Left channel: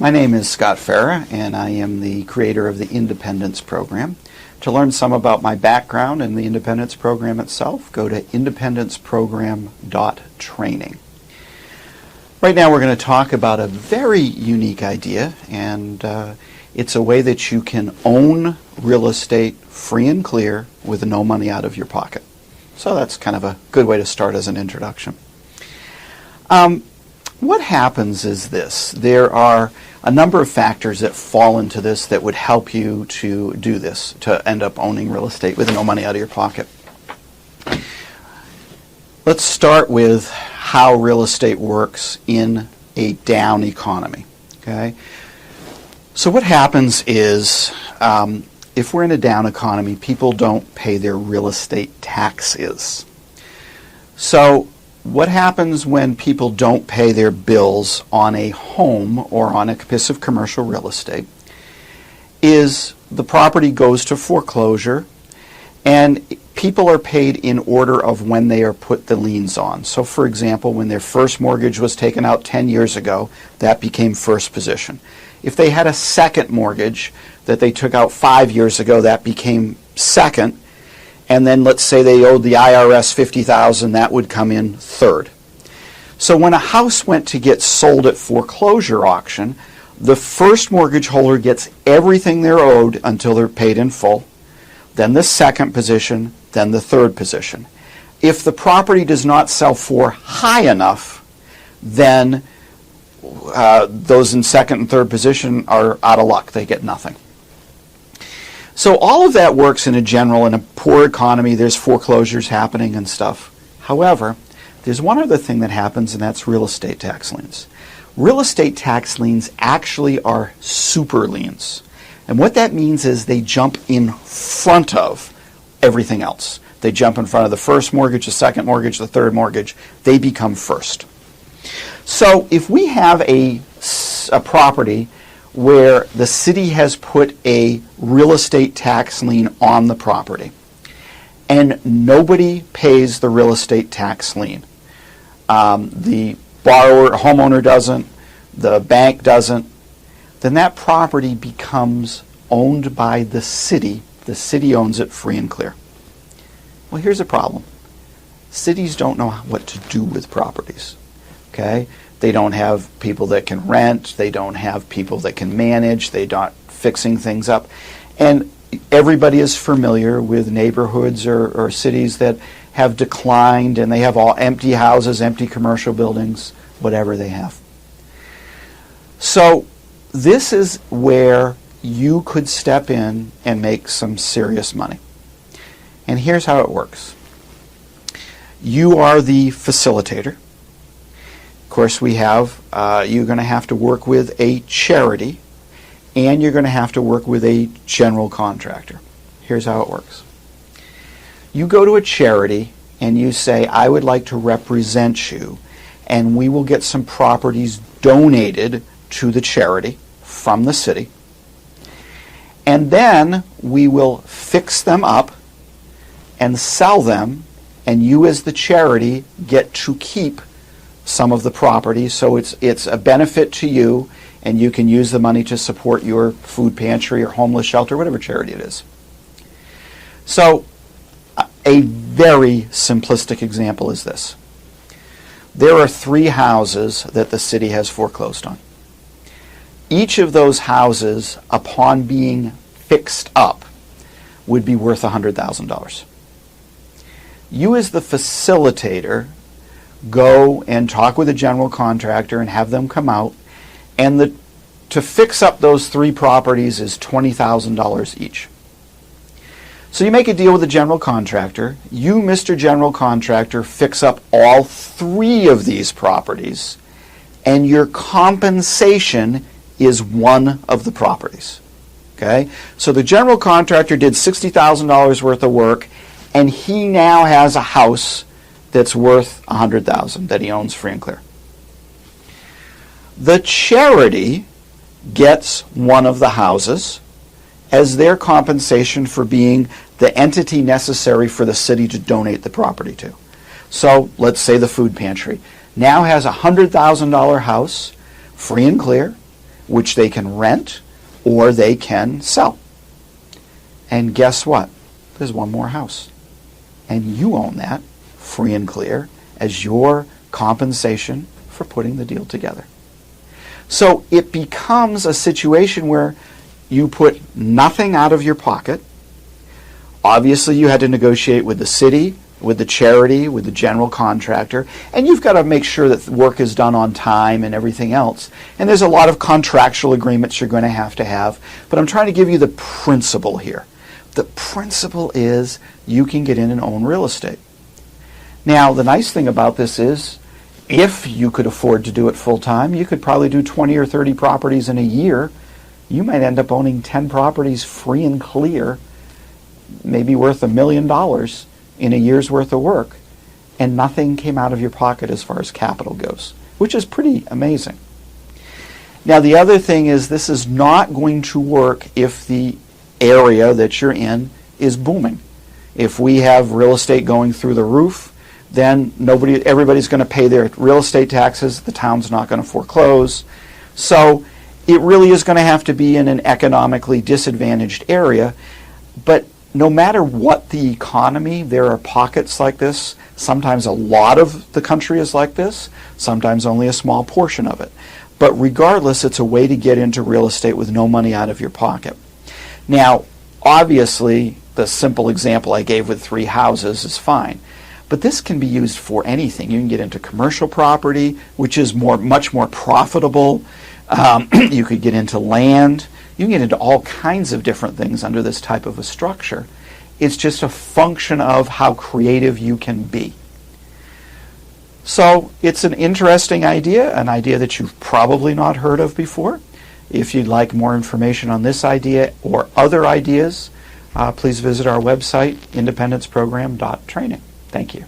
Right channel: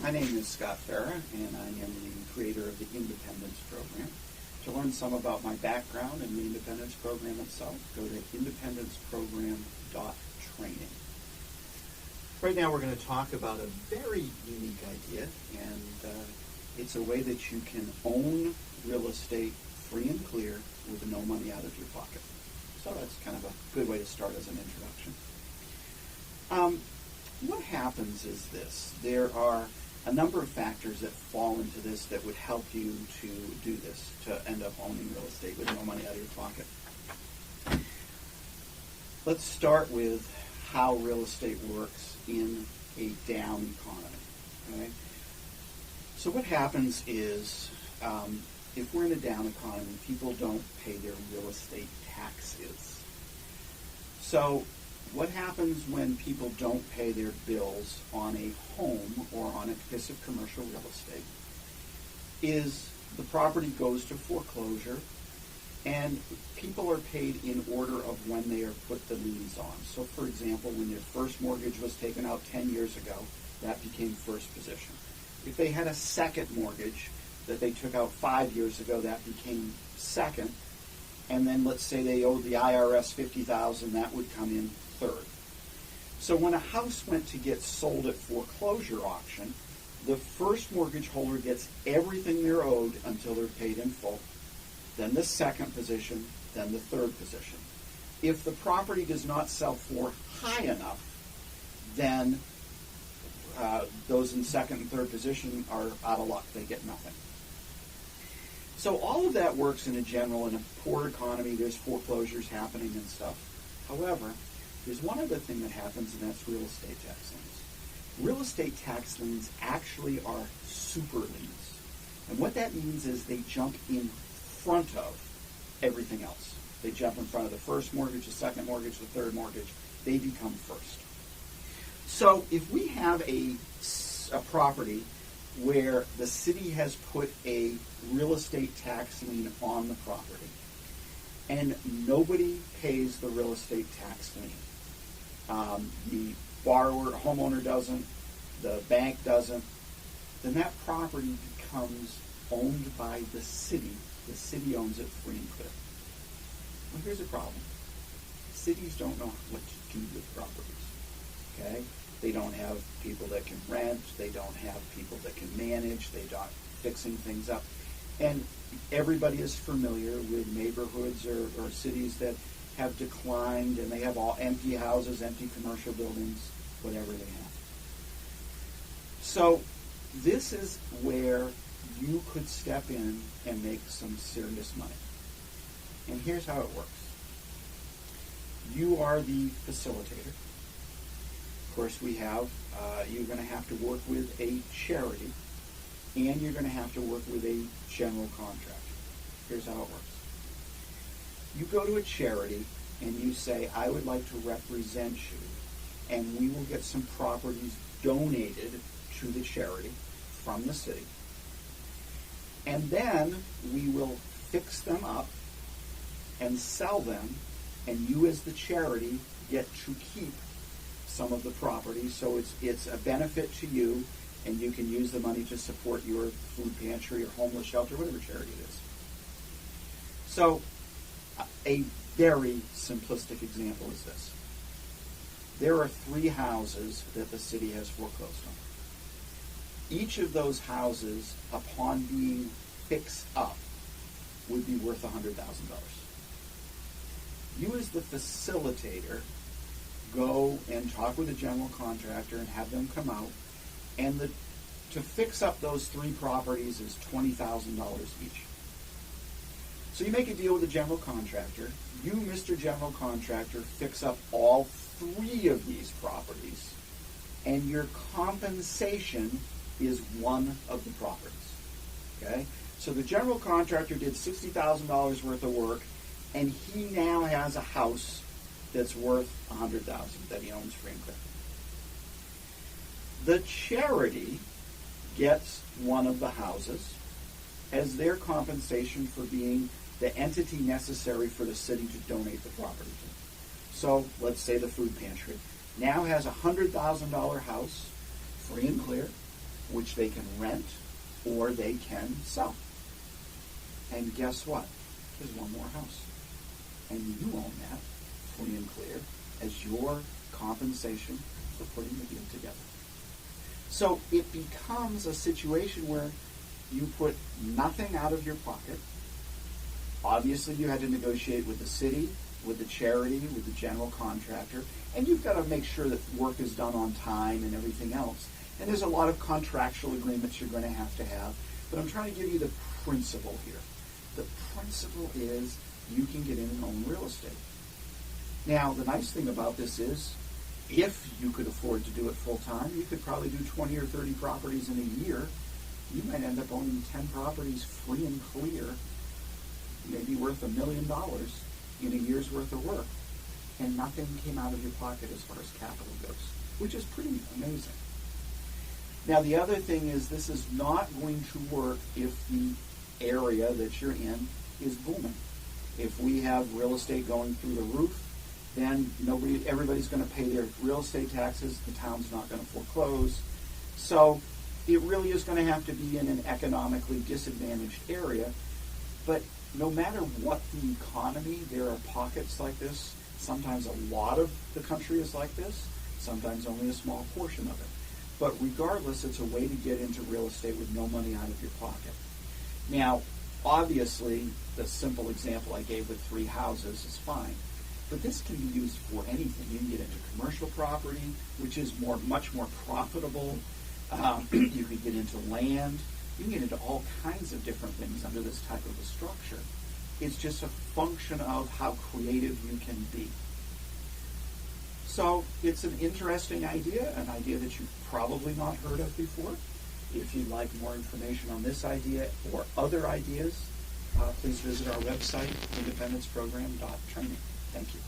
My name is Scott Farah, and I am the creator of the Independence Program. To learn some about my background and the Independence Program itself, go to independenceprogram.training. Right now we're going to talk about a very unique idea, and it's a way that you can own real estate free and clear with no money out of your pocket. So that's kind of a good way to start as an introduction. What happens is this. There are a number of factors that fall into this that would help you to do this, to end up owning real estate with no money out of your pocket. Let's start with how real estate works in a down economy. Okay? So what happens is, if we're in a down economy, people don't pay their real estate taxes. So what happens when people don't pay their bills on a home or on a piece of commercial real estate is the property goes to foreclosure, and people are paid in order of when they are put the liens on. So for example, when their first mortgage was taken out 10 years ago, that became first position. If they had a second mortgage that they took out 5 years ago, that became second. And then let's say they owed the IRS $50,000, that would come in third. So when a house went to get sold at foreclosure auction, the first mortgage holder gets everything they're owed until they're paid in full, then the second position, then the third position. If the property does not sell for high enough, then those in second and third position are out of luck. They get nothing. So all of that works in a poor economy. There's foreclosures happening and stuff. However, there's one other thing that happens, and that's real estate tax liens. Real estate tax liens actually are super liens. And what that means is they jump in front of everything else. They jump in front of the first mortgage, the second mortgage, the third mortgage. They become first. So if we have a property where the city has put a real estate tax lien on the property, and nobody pays the real estate tax lien. The homeowner doesn't, the bank doesn't, then that property becomes owned by the city. The city owns it free and clear. Well, here's a problem. Cities don't know what to do with properties. Okay? They don't have people that can rent. They don't have people that can manage. They're not fixing things up. And everybody is familiar with neighborhoods or cities that have declined, and they have all empty houses, empty commercial buildings, whatever they have. So this is where you could step in and make some serious money. And here's how it works. You are the facilitator. Of course, you're going to have to work with a charity, and you're going to have to work with a general contractor. Here's how it works. You go to a charity and you say, I would like to represent you, and we will get some properties donated to the charity from the city, and then we will fix them up and sell them, and you as the charity get to keep some of the property, so it's a benefit to you, and you can use the money to support your food pantry or homeless shelter, whatever charity it is. So a very simplistic example is this. There are 3 houses that the city has foreclosed on. Each of those houses, upon being fixed up, would be worth $100,000. You as the facilitator go and talk with a general contractor and have them come out, and to fix up those 3 properties is $20,000 each. So you make a deal with the general contractor. You, Mr. General Contractor, fix up all 3 of these properties, and your compensation is one of the properties. Okay? So the general contractor did $60,000 worth of work, and he now has a house that's worth $100,000 that he owns free and clear. The charity gets one of the houses as their compensation for being the entity necessary for the city to donate the property to. So let's say the food pantry now has a $100,000 house, free and clear, which they can rent or they can sell. And guess what? There's one more house. And you own that, free and clear, as your compensation for putting the deal together. So it becomes a situation where you put nothing out of your pocket. Obviously, you had to negotiate with the city, with the charity, with the general contractor, and you've got to make sure that the work is done on time and everything else. And there's a lot of contractual agreements you're going to have, but I'm trying to give you the principle here. The principle is you can get in and own real estate. Now, the nice thing about this is, if you could afford to do it full time, you could probably do 20 or 30 properties in a year. You might end up owning 10 properties free and clear, maybe worth $1 million in a year's worth of work, and nothing came out of your pocket as far as capital goes, which is pretty amazing. Now, the other thing is this is not going to work if the area that you're in is booming. If we have real estate going through the roof, then everybody's going to pay their real estate taxes. The town's not going to foreclose. So it really is going to have to be in an economically disadvantaged area. But no matter what the economy, there are pockets like this. Sometimes a lot of the country is like this, sometimes only a small portion of it. But regardless, it's a way to get into real estate with no money out of your pocket. Now, obviously, the simple example I gave with 3 houses is fine. But this can be used for anything. You can get into commercial property, which is much more profitable. You could get into land. You can get into all kinds of different things under this type of a structure. It's just a function of how creative you can be. So it's an interesting idea, an idea that you've probably not heard of before. If you'd like more information on this idea or other ideas, please visit our website, independenceprogram.training. Thank you.